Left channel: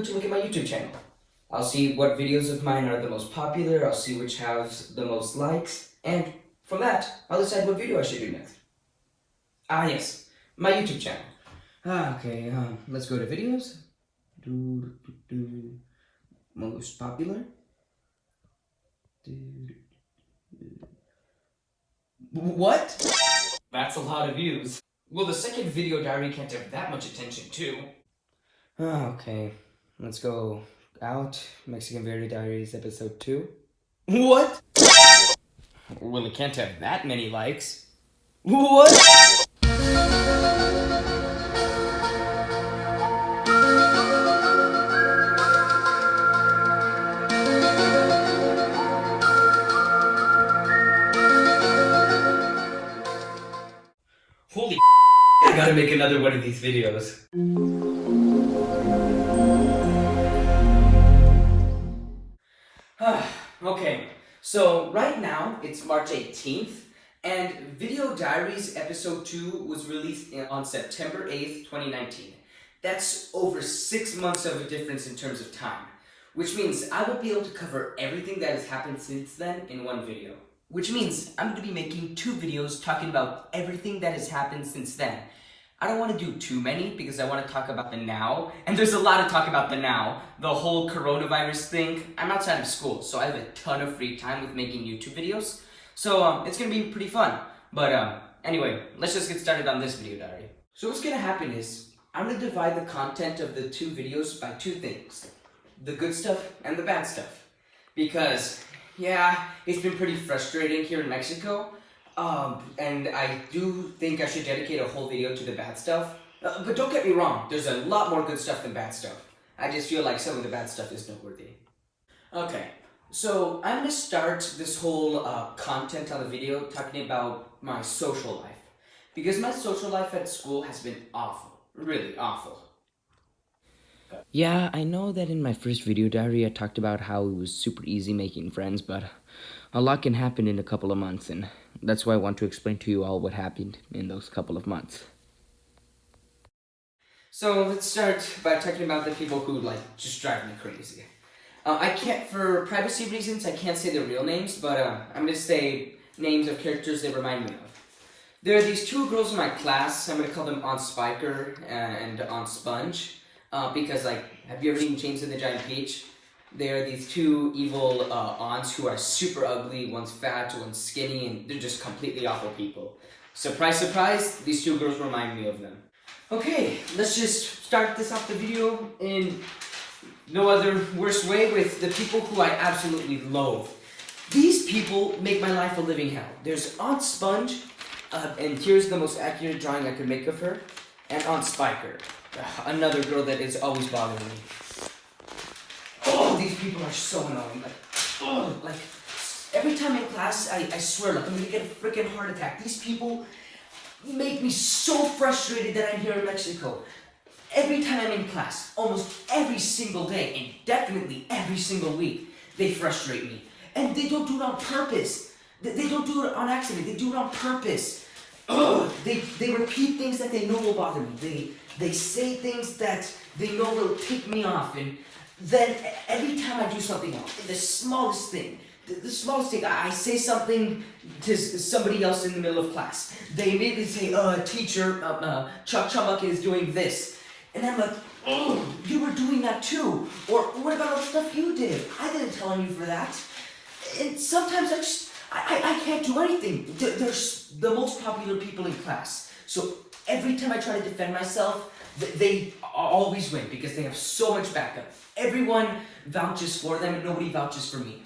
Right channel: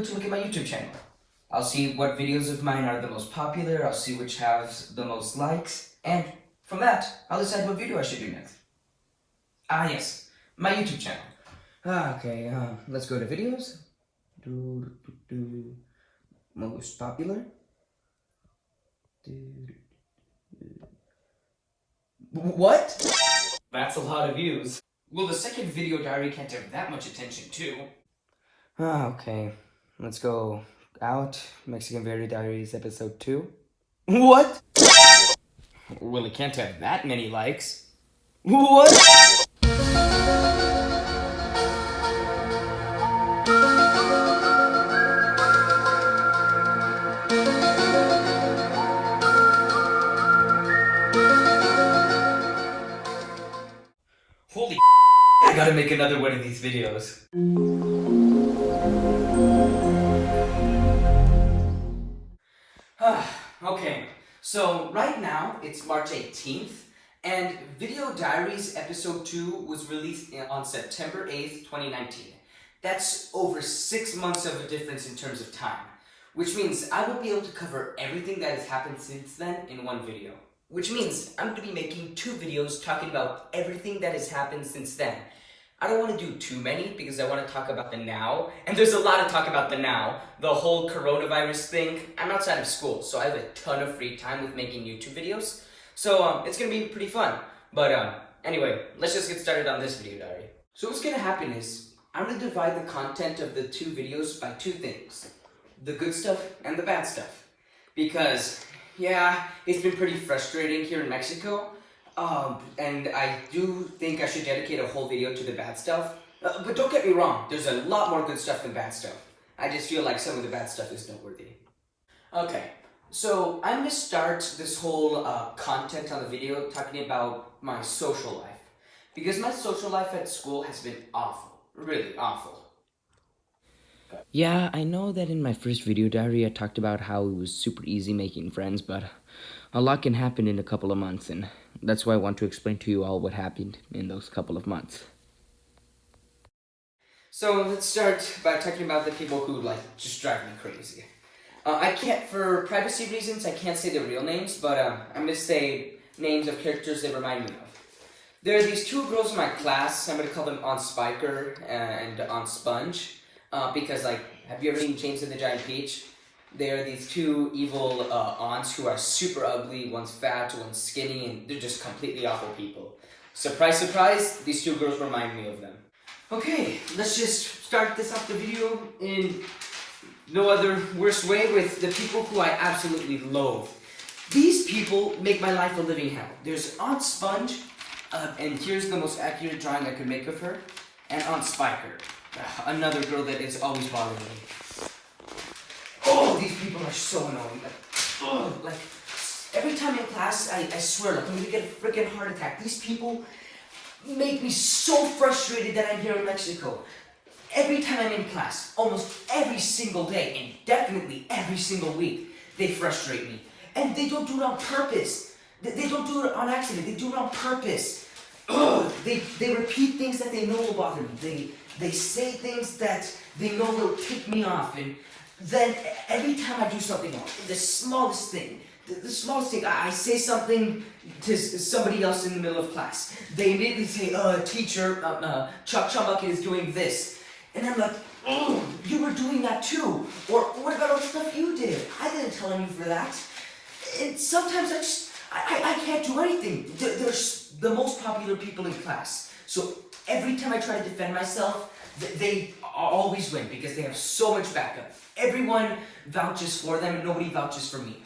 do to look at my YouTube channel. I'll see what videos of mine are the most popular, I'll see which has the most likes, and from that, I'll decide what video I should do next. Ah yes, my YouTube channel. Okay, let's go to videos. Most popular. What? That's a lot of views. Well, the second video diary can't have that much attention, too. Okay, let's go out. Mexican Video Diaries episode 2. What? Well, it can't have that many likes. What? Holy I gotta make another one of these videos. Okay, so right now it's March 18th, and Video Diaries episode 2 was released on September 8th, 2019. That's over 6 months of a difference in terms of time, which means I won't be able to cover everything that has happened since then in one video. Which means I'm going to be making 2 videos talking about everything that has happened since then. I don't want to do too many because I want to talk about the now, and there's a lot to talk about the now. The whole coronavirus thing. I'm outside of school, so I have a ton of free time with making YouTube videos. So it's going to be pretty fun. But anyway, let's just get started on this video diary. So what's going to happen is I'm going to divide the content of the 2 videos by 2 things. The good stuff and the bad stuff. Because yeah, it's been pretty frustrating here in Mexico, and I do think I should dedicate a whole video to the bad stuff. But don't get me wrong, there's a lot more good stuff than bad stuff. I just feel like some of the bad stuff is noteworthy. Okay, so I'm going to start this whole content on the video talking about my social life. Because my social life at school has been awful, really awful. Yeah, I know that in my first video diary I talked about how it was super easy making friends, but a lot can happen in a couple of months, and that's why I want to explain to you all what happened in those couple of months. So let's start by talking about the people who just drive me crazy. I can't, for privacy reasons, I can't say their real names, but I'm gonna say names of characters they remind me of. There are these 2 girls in my class. I'm gonna call them Aunt Spiker and Aunt Sponge. Because, have you ever seen James and the Giant Peach? They are these 2 evil aunts who are super ugly. One's fat, one's skinny, and they're just completely awful people. Surprise, surprise, these 2 girls remind me of them. Okay, let's just start this off the video in no other worse way with the people who I absolutely loathe. These people make my life a living hell. There's Aunt Sponge, and here's the most accurate drawing I could make of her, and Aunt Spiker. Another girl that is always bothering me. Oh, these people are so annoying. Every time in class, I swear, I'm gonna get a freaking heart attack. These people make me so frustrated that I'm here in Mexico. Every time I'm in class, almost every single day, and definitely every single week, they frustrate me. And they don't do it on purpose. They don't do it on accident. They do it on purpose. They repeat things that they know will bother me. They say things that they know will tick me off, and then every time I do something wrong, the smallest thing, I say something to somebody else in the middle of class. They immediately say, teacher, Chuck Chumbucket is doing this. And I'm like, oh, you were doing that too. Or what about all the stuff you did? I didn't tell on you for that. And sometimes I can't do anything. They're the most popular people in class. So every time I try to defend myself, they always win because they have so much backup. Everyone vouches for them and nobody vouches for me.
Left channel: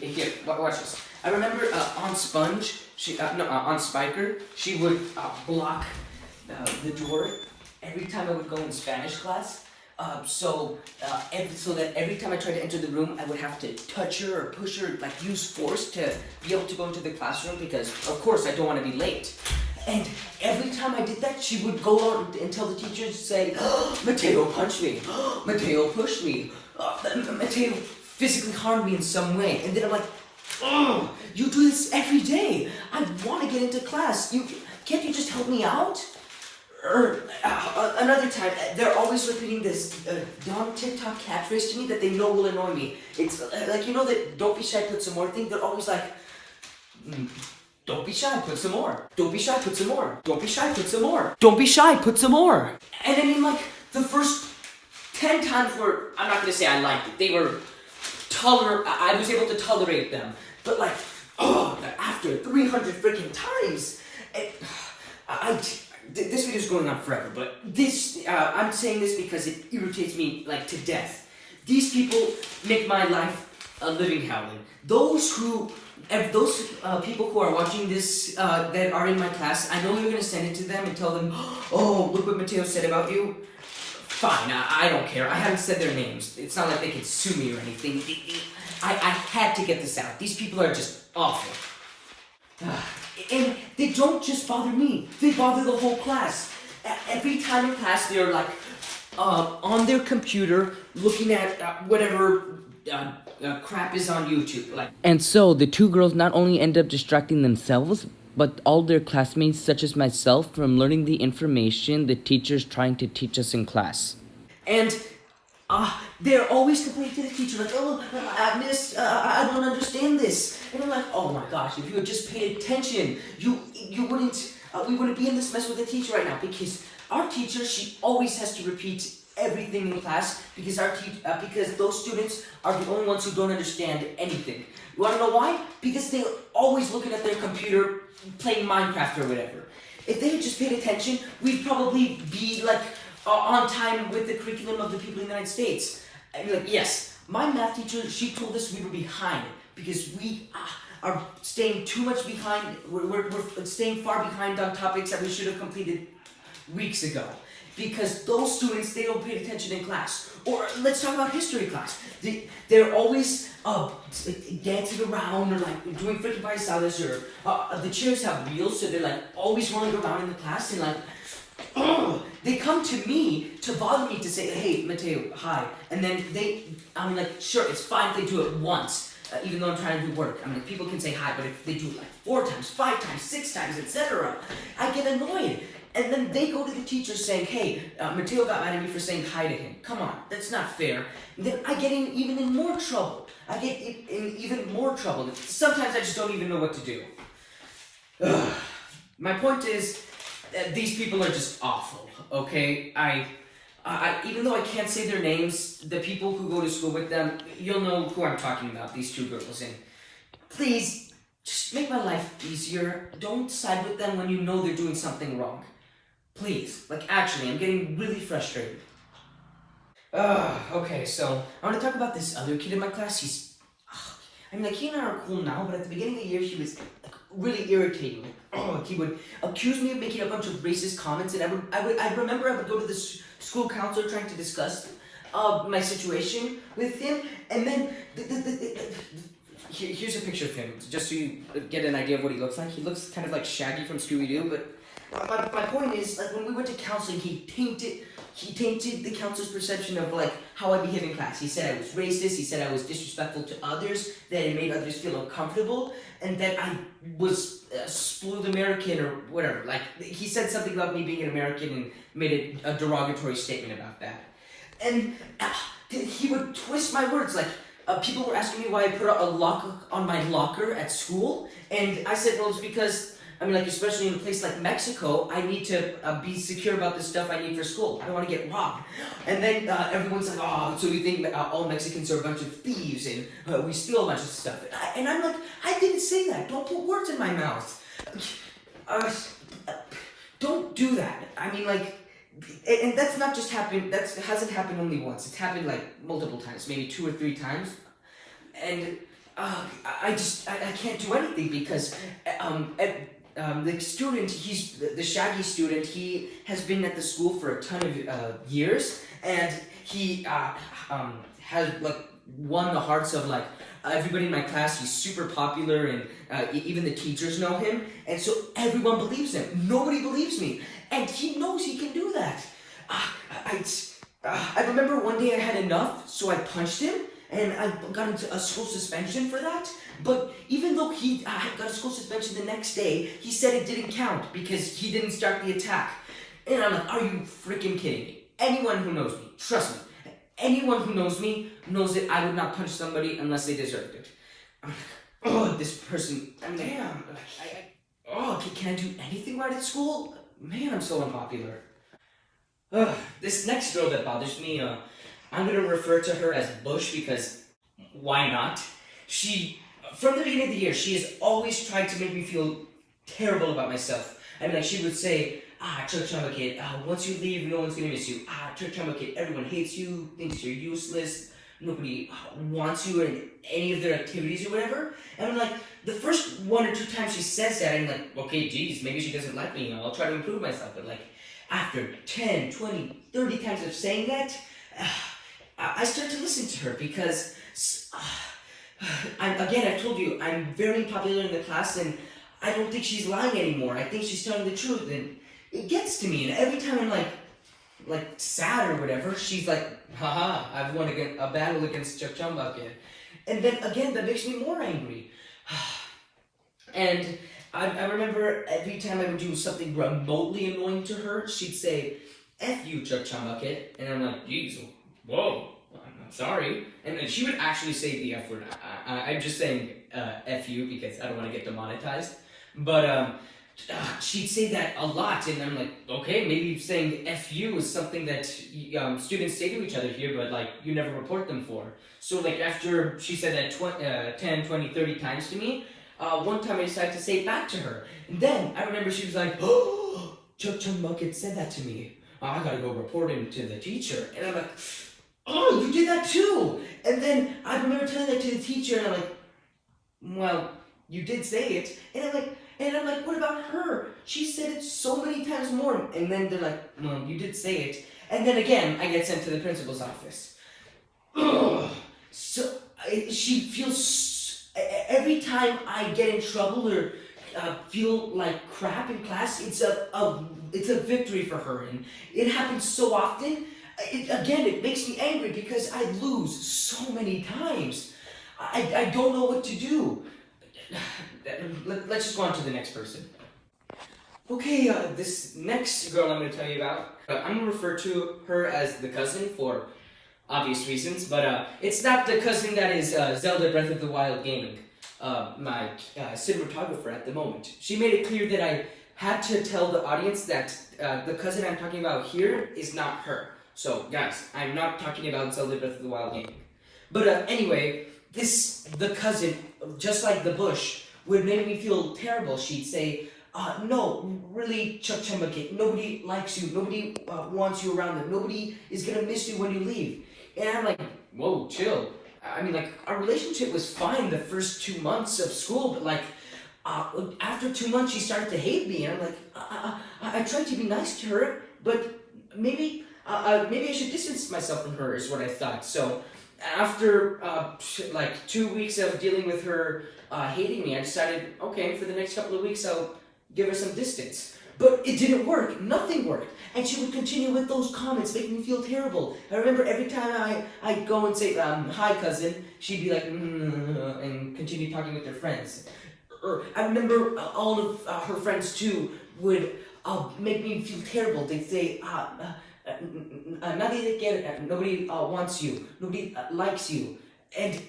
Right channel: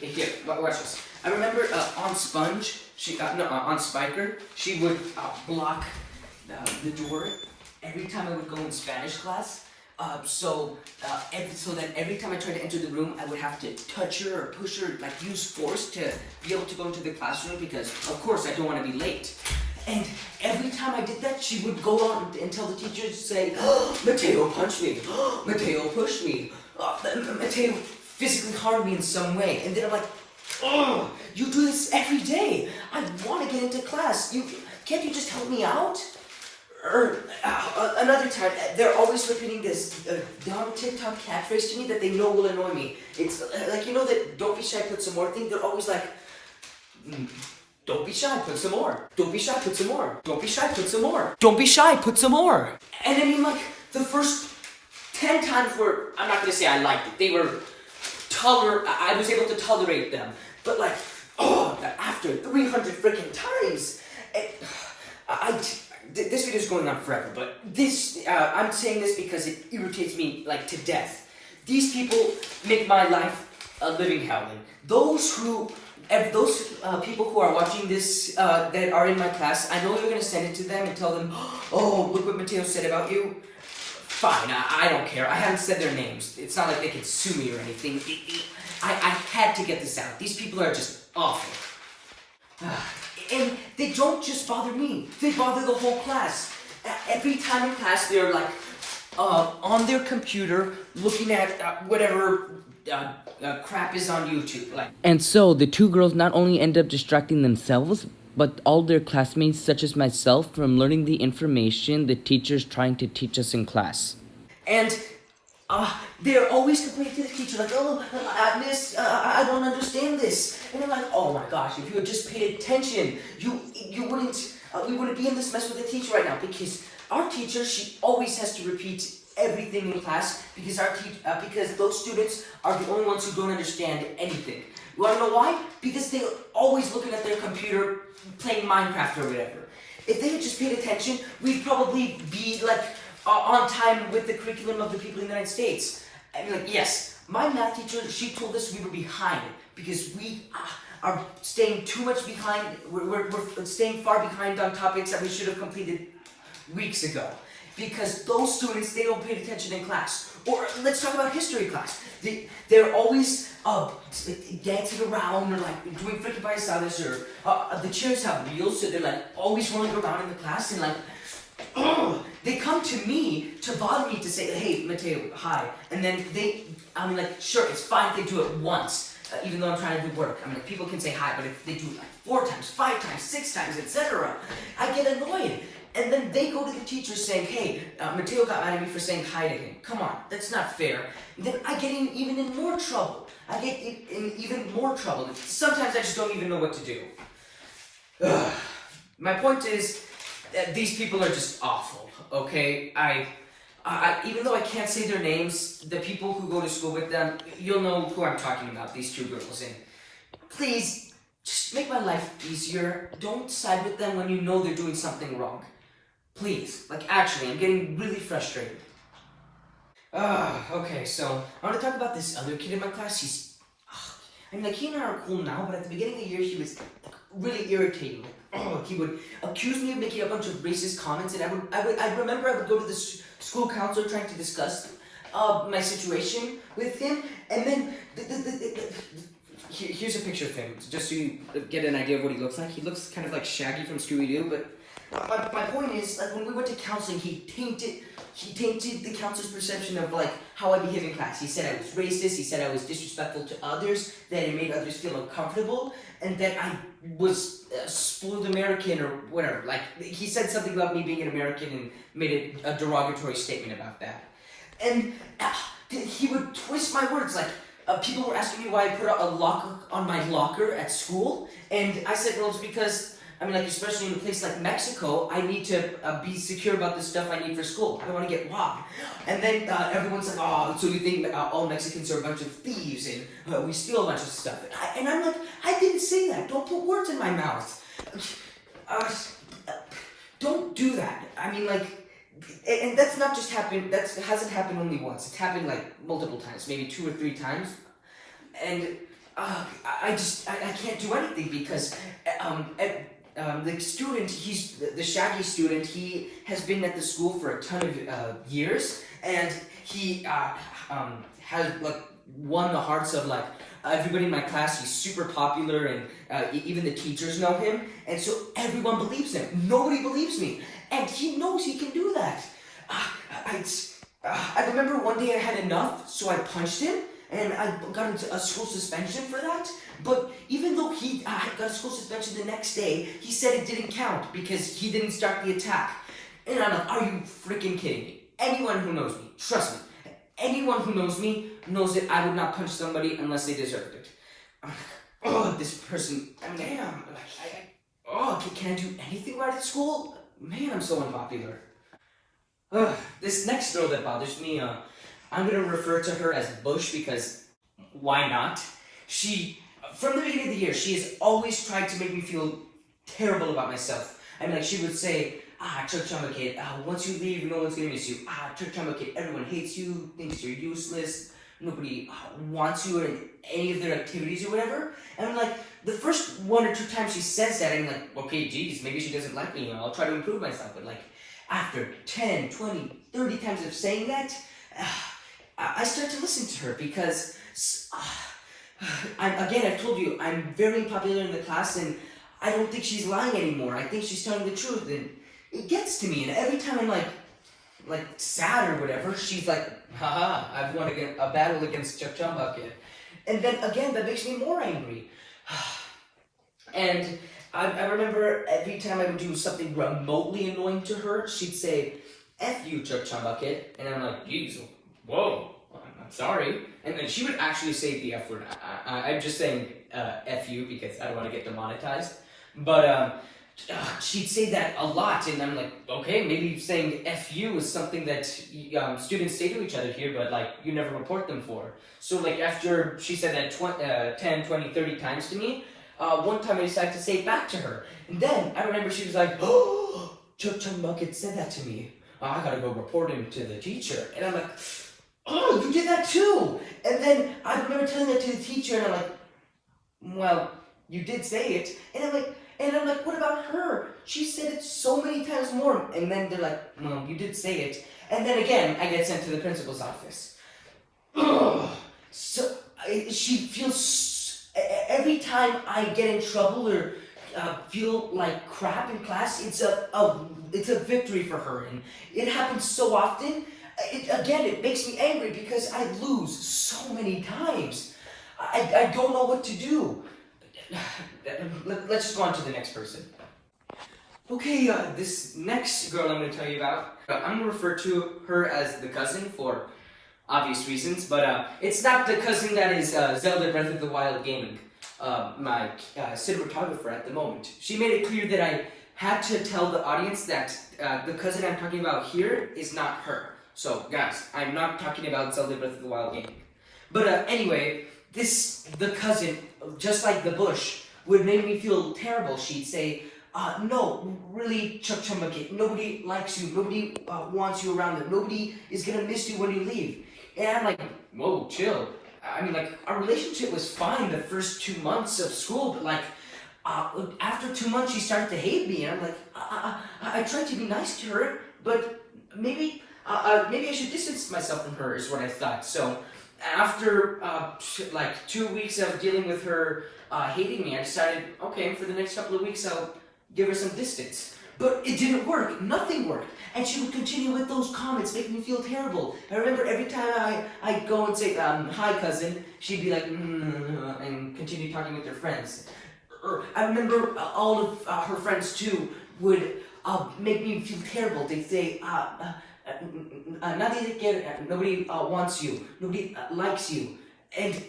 Here, watch this. I remember Aunt Sponge, Aunt Spiker, she would block the door every time I would go in Spanish class. So that every time I tried to enter the room, I would have to touch her or push her, use force to be able to go into the classroom because, of course, I don't want to be late. And every time I did that, she would go on and tell the teachers, say, Mateo punched me, Mateo pushed me, Mateo physically harmed me in some way. And then I'm like, oh, you do this every day. I want to get into class. Can't you just help me out? Another time, they're always repeating this dumb TikTok catchphrase to me that they know will annoy me. It's like, you know that don't be shy, put some more thing? They're always like, don't be shy, put some more. Don't be shy, put some more. Don't be shy, put some more. Don't be shy, put some more. And I mean, like, the first 10 times were, I'm not gonna say I liked it. They were I was able to tolerate them. But like, after 300 freaking times, this video is going on forever, but I'm saying this because it irritates me like to death. These people make my life a living hell. And those people who are watching this that are in my class, I know you're gonna send it to them and tell them, oh, look what Mateo said about you. Fine, I don't care. I haven't said their names. It's not like they can sue me or anything. I had to get this out. These people are just awful. And they don't just bother me. They bother the whole class. Every time in class, they're like on their computer looking at whatever crap is on YouTube. And so the two girls not only end up distracting themselves, but all their classmates, such as myself, from learning the information the teacher's trying to teach us in class. And they're always complaining to the teacher, like, oh, miss, I don't understand this. And I'm like, oh my gosh, if you had just paid attention, we wouldn't be in this mess with the teacher right now. Because our teacher, she always has to repeat everything in class because because those students are the only ones who don't understand anything. You wanna know why? Because they're always looking at their computer, playing Minecraft or whatever. If they had just paid attention, we'd probably be like on time with the curriculum of the people in the United States. I mean, like, yes, my math teacher, she told us we were behind because we are staying too much behind. We're staying far behind on topics that we should have completed weeks ago. Because those students, they don't pay attention in class. Or let's talk about history class. They're always dancing around or like doing freaking paisadas, or the chairs have wheels, so they're like always rolling around in the class and like, they come to me to bother me to say, hey, Mateo, hi. And then like, sure, it's fine if they do it once, even though I'm trying to do work. I mean, like, people can say hi, but if they do it like 4 times, 5 times, 6 times, etc., I get annoyed. And then they go to the teacher saying, hey, Mateo got mad at me for saying hi to him. Come on, that's not fair. And then I get even in more trouble. Sometimes I just don't even know what to do. My point is, these people are just awful, okay? I even though I can't say their names, the people who go to school with them, you'll know who I'm talking about, these two girls. And please, just make my life easier. Don't side with them when you know they're doing something wrong. Please, like, actually, I'm getting really frustrated. Okay, so I want to talk about this other kid in my class. He and I are cool now, but at the beginning of the year, he was really irritating. He would accuse me of making a bunch of racist comments, and I remember I would go to the school counselor trying to discuss my situation with him, and then here's a picture of him, just so you get an idea of what he looks like. He looks kind of like Shaggy from Scooby-Doo, but my point is, like, when we went to counseling, he tainted the counselor's perception of like how I behave in class. He said I was racist, he said I was disrespectful to others, that it made others feel uncomfortable, and that I was spoiled American or whatever. Like, he said something about me being an American and made a derogatory statement about that. And he would twist my words, like, people were asking me why I put a lock on my locker at school, and I said, well, it's because, I mean, like, especially in a place like Mexico, I need to be secure about the stuff I need for school. I don't want to get robbed. And then everyone's like, oh, so you think all Mexicans are a bunch of thieves and we steal a bunch of stuff. And I'm like, I didn't say that. Don't put words in my mouth. Don't do that. I mean, like, and that's not just happened, that hasn't happened only once. It's happened like multiple times, maybe 2 or 3 times. And I can't do anything because the student, he's the Shaggy student, he has been at the school for a ton of years, and he has like won the hearts of like everybody in my class. He's super popular, and even the teachers know him, and so everyone believes him. Nobody believes me, and he knows he can do that. I remember one day I had enough, so I punched him, and I got into a school suspension for that. But even though he got a school suspension the next day, he said it didn't count because he didn't start the attack. And I'm like, are you freaking kidding me? Anyone who knows me, trust me, anyone who knows me knows that I would not punch somebody unless they deserved it. I'm like, oh, this person, damn, can I do anything right at school? Man, I'm so unpopular. This next girl that bothers me, I'm gonna refer to her as Bush because why not? She, from the beginning of the year, she has always tried to make me feel terrible about myself. I mean, like, she would say, Chuck Chamba kid, once you leave, no one's gonna miss you. Chuck Chamba kid, everyone hates you, thinks you're useless, nobody wants you in any of their activities or whatever. And I'm like, the first 1 or 2 times she says that, I'm like, okay, geez, maybe she doesn't like me, I'll try to improve myself. But like, after 10, 20, 30 times of saying that, I start to listen to her because, I've told you, I'm very popular in the class and I don't think she's lying anymore. I think she's telling the truth and it gets to me. And every time I'm like sad or whatever, she's like, haha, I've won a battle against Chuck Chamba kid. And then again, that makes me more angry. And I remember every time I would do something remotely annoying to her, she'd say, F you, Chuck Chamba kid. And I'm like, geez, whoa, I'm sorry. And then she would actually say the F word. I'm just saying F you because I don't want to get demonetized. But she'd say that a lot, and I'm like, okay, maybe saying F you is something that students say to each other here, but like you never report them for. So like after she said that 10, 20, 30 times to me, one time I decided to say it back to her. And then I remember she was like, oh, Chuck Chumbucket said that to me. I gotta go report him to the teacher. And I'm like, oh, you did that too. And then I remember telling that to the teacher, and I'm like, well, you did say it. And I'm like, what about her? She said it so many times more. And then they're like, well, you did say it. And then again, I get sent to the principal's office. Ugh. So she feels, every time I get in trouble or feel like crap in class, it's a victory for her. And it happens so often. It makes me angry because I lose so many times. I don't know what to do. Let's just go on to the next person. Okay, this next girl I'm going to tell you about, I'm going to refer to her as the cousin for obvious reasons, but it's not the cousin that is Zelda Breath of the Wild gaming, my cinematographer at the moment. She made it clear that I had to tell the audience that the cousin I'm talking about here is not her. So, guys, I'm not talking about Zelda Breath of the Wild gaming. But anyway, the cousin, just like the Bush, would make me feel terrible. She'd say, no, really, Chuck Chumbucket, nobody likes you, nobody wants you around them, nobody is gonna miss you when you leave. And I'm like, whoa, chill. I mean, like, our relationship was fine the first 2 months of school, but like, after 2 months, she started to hate me, and I'm like, I tried to be nice to her, but maybe I should distance myself from her, is what I thought. So, after like 2 weeks of dealing with her hating me, I decided, okay, for the next couple of weeks, I'll give her some distance. But it didn't work. Nothing worked. And she would continue with those comments, making me feel terrible. I remember every time I'd go and say, hi, cousin, she'd be like, and continue talking with her friends. I remember all of her friends, too, would make me feel terrible. They'd say, nobody wants you, nobody likes you. And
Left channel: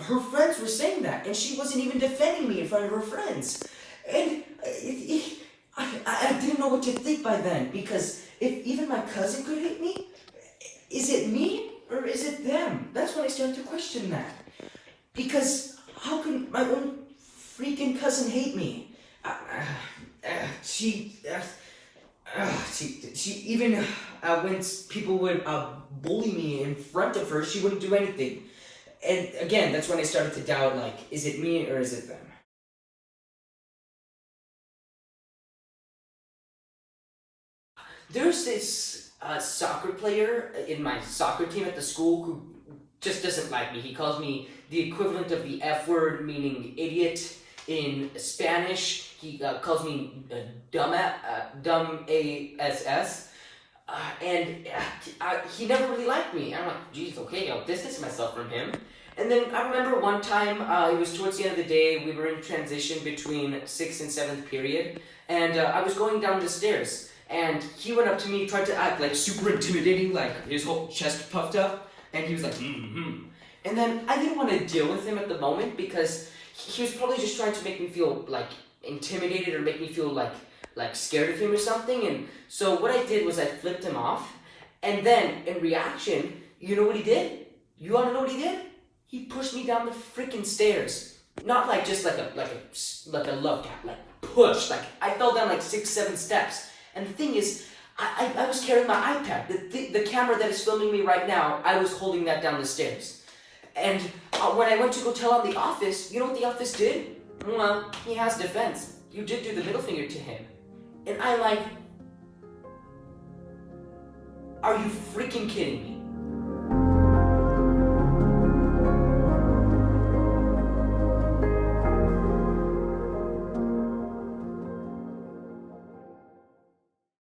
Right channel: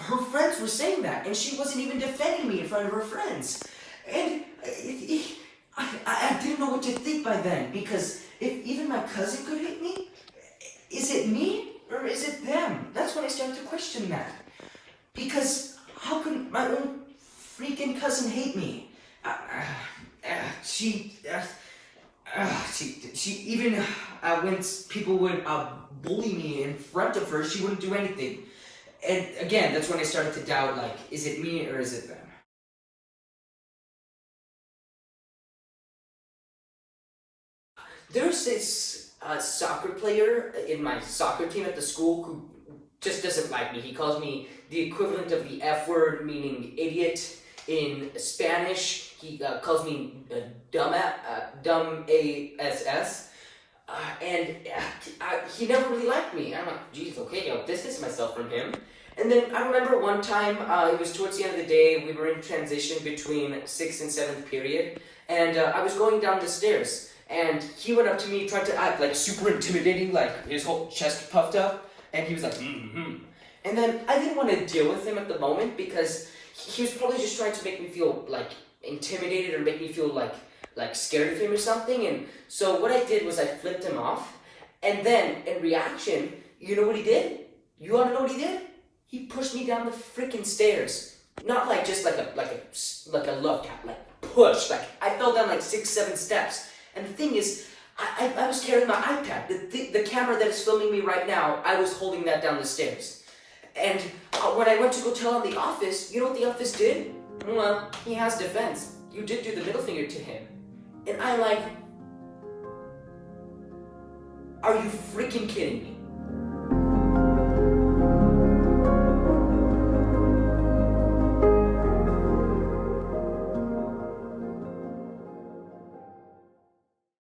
her friends were saying that, and she wasn't even defending me in front of her friends. And I didn't know what to think by then, because if even my cousin could hate me, is it me or is it them? That's when I started to question that. Because how can my own freaking cousin hate me? She even when people would bully me in front of her, she wouldn't do anything. And again, that's when I started to doubt, like, is it me or is it them? There's this soccer player in my soccer team at the school who just doesn't like me. He calls me the equivalent of the F word, meaning idiot, in Spanish. He calls me dumb ass. And he never really liked me. I'm like, geez, okay, I'll distance myself from him. And then I remember one time, it was towards the end of the day, we were in transition between 6th and 7th period, and I was going down the stairs. And he went up to me, tried to act like super intimidating, like his whole chest puffed up, and he was like, And then I didn't want to deal with him at the moment because he was probably just trying to make me feel like intimidated or make me feel like scared of him or something. And so what I did was I flipped him off, and then in reaction, you know what he did? You want to know what he did? He pushed me down the freaking stairs. Not like just like a love tap, like push. Like I fell down like 6-7 steps. And the thing is, I was carrying my iPad. The camera that is filming me right now, I was holding that down the stairs. And when I went to go tell on the office, you know what the office did? Well, he has defense. You did do the middle finger to him. And I'm like, are you freaking kidding me?